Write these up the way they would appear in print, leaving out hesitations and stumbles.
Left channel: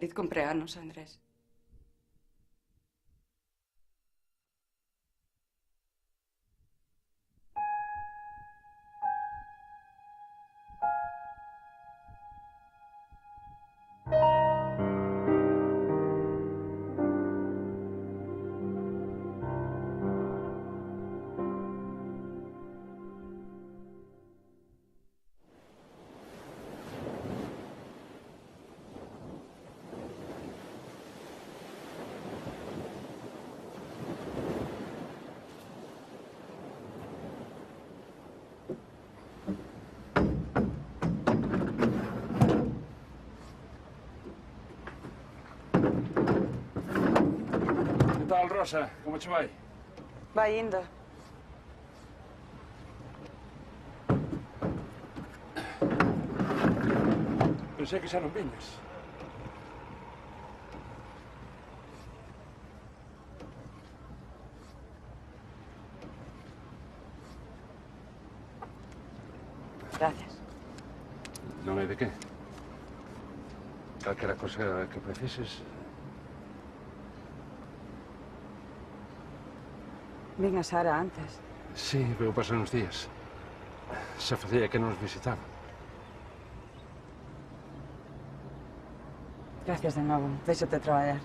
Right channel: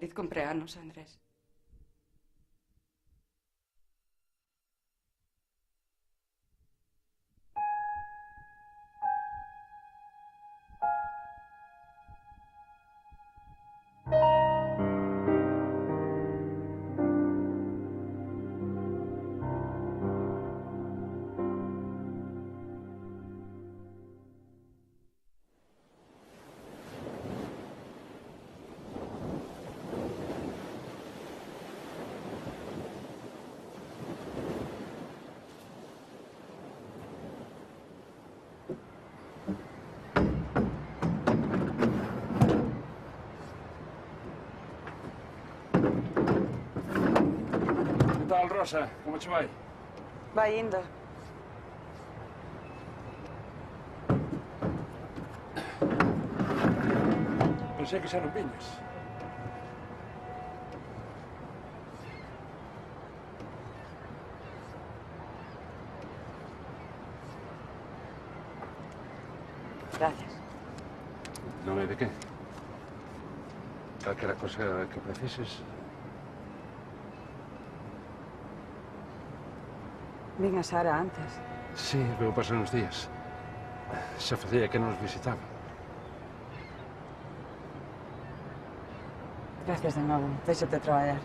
Feliz cumpleaños, Andrés. Que tal, Rosa? Como che vai? Vai indo. Pensei que xa non viñas. Gracias. Non hai de que. Calquera cosa que precises. Vin a Sara antes. Sí, veu pasar uns días. Xa facía que non nos visitaba. Gracias de novo. Déixate traballar.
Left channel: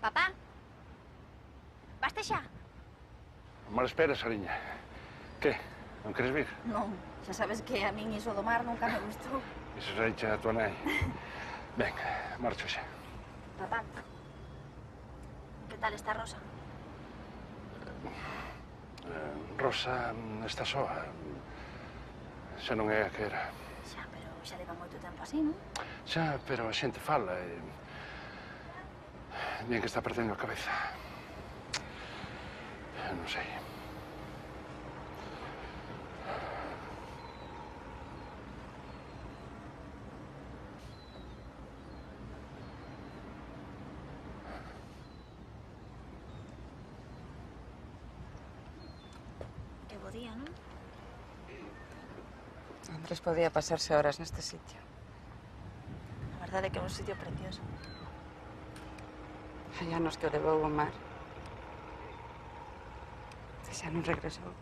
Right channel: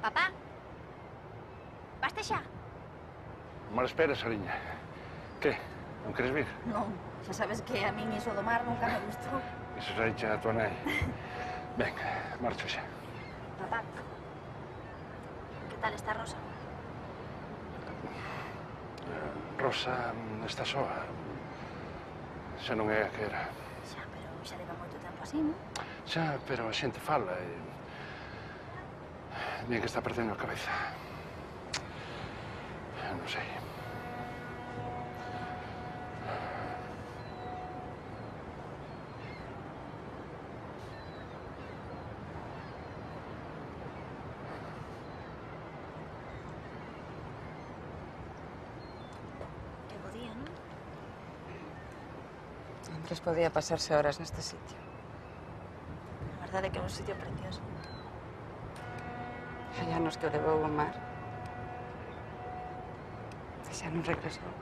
Papá? Baste xa? Mal espera, Sariña. Que? Non queres vir? Non, xa sabes que a min iso do mar nunca me gustou. Iso xa dicha a tua nai. Ben, marcho xa. Papá, que tal está Rosa? Rosa está soa. Xa non é a que era. Xa, pero xa leva moito tempo así, non? Xa, pero a xente fala e... Bien que está perdendo a cabeza. Non sei. Que bo día, non? Andrés podía pasarse horas neste sitio. A verdade é que é un sitio precioso. Hai anos que o levou o mar. E xa non regresou.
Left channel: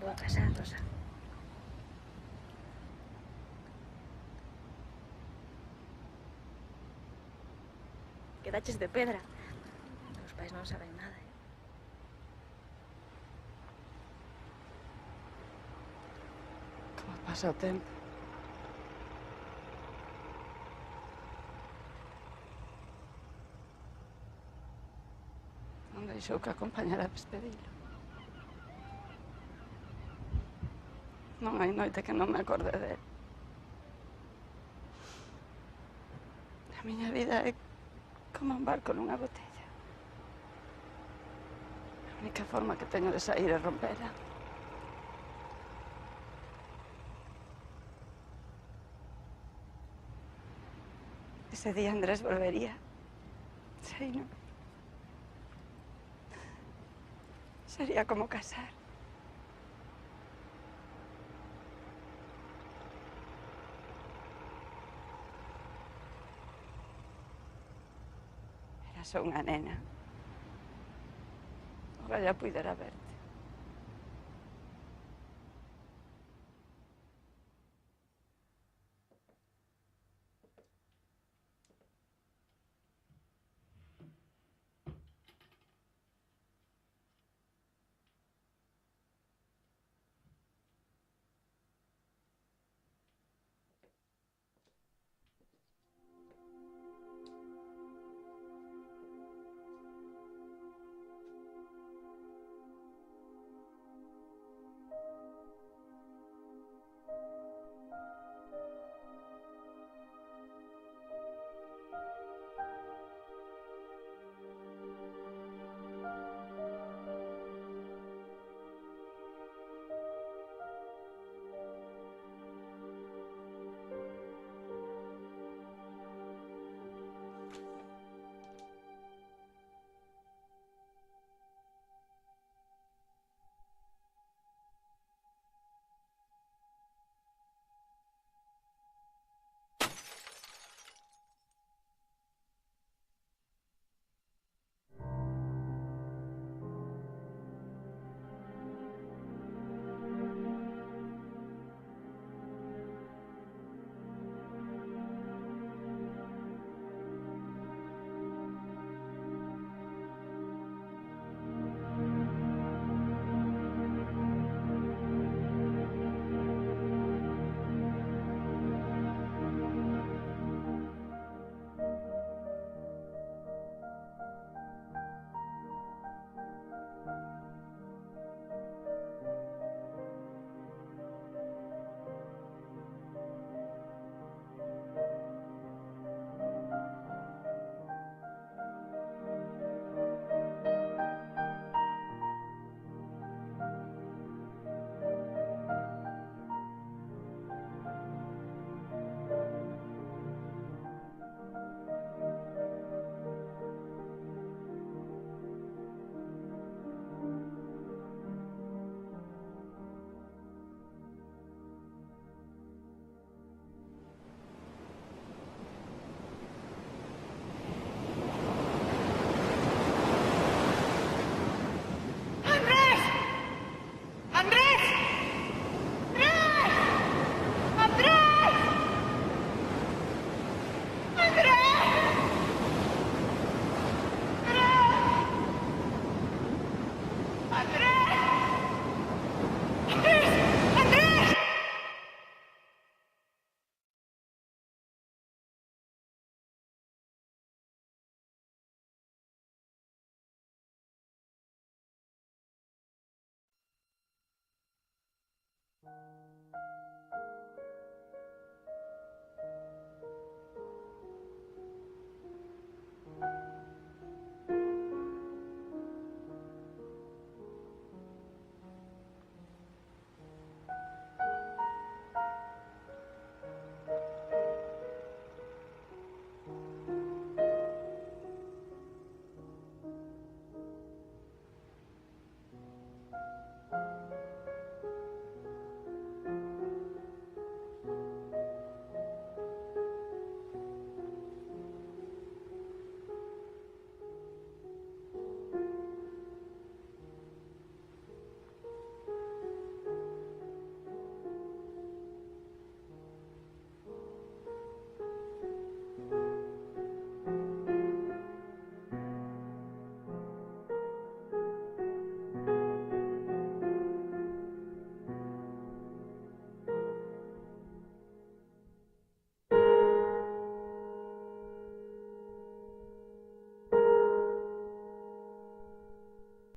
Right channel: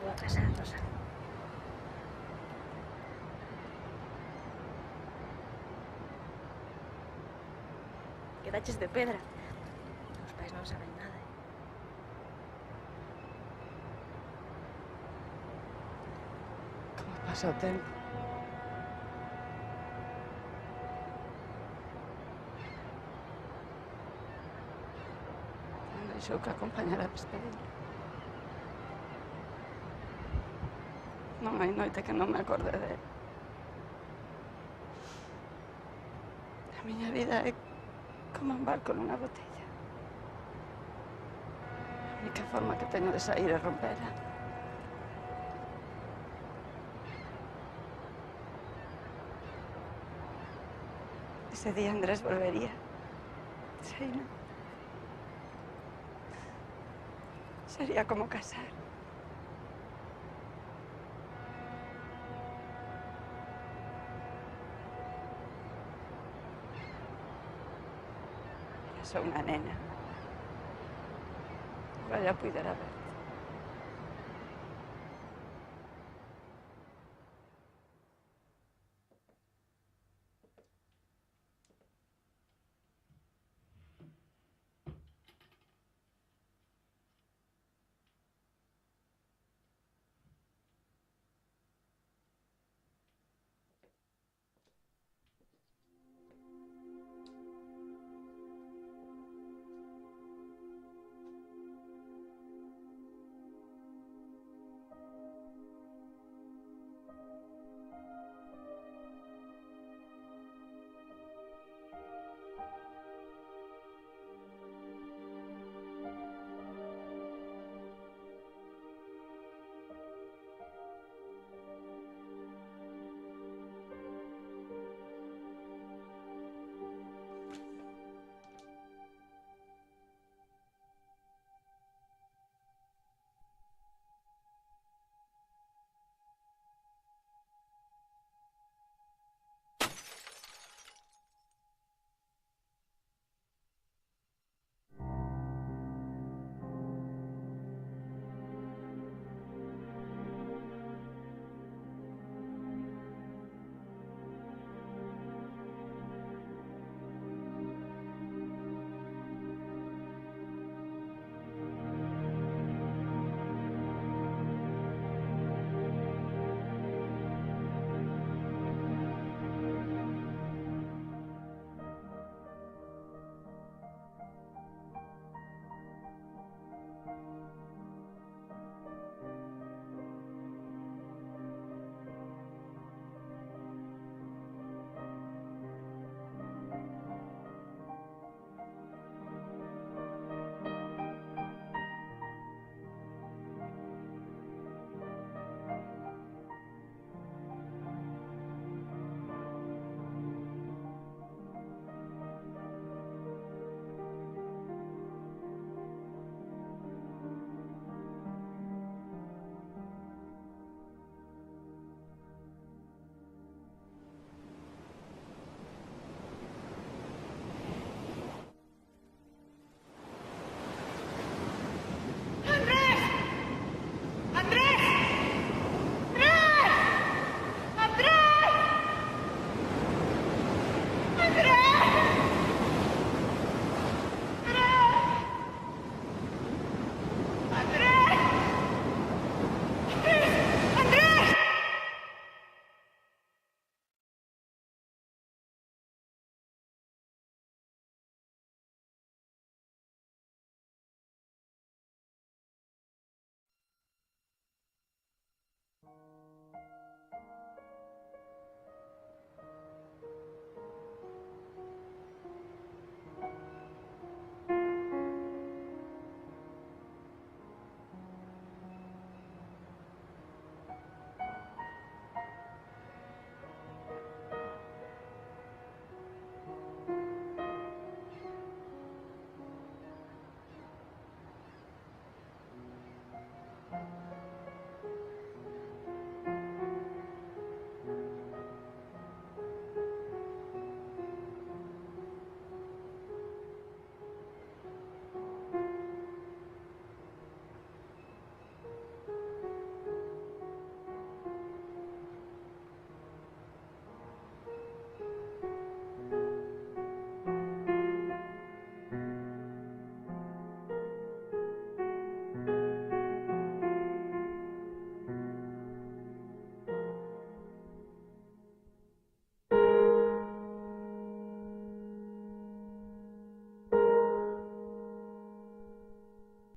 Vou a casa, Rosa. Quedaches de pedra. Os pais non saben nada, eh? Como pasa o tempo. Non deixou que acompañara a despedida. Non hai noite que non me acorde dele. A miña vida é como un barco nunha botella. A única forma que teño de sair é rompela. Ese día Andrés volvería. Sí, ¿no? Sería como casar. Era só una nena. Ojalá pudiera verte.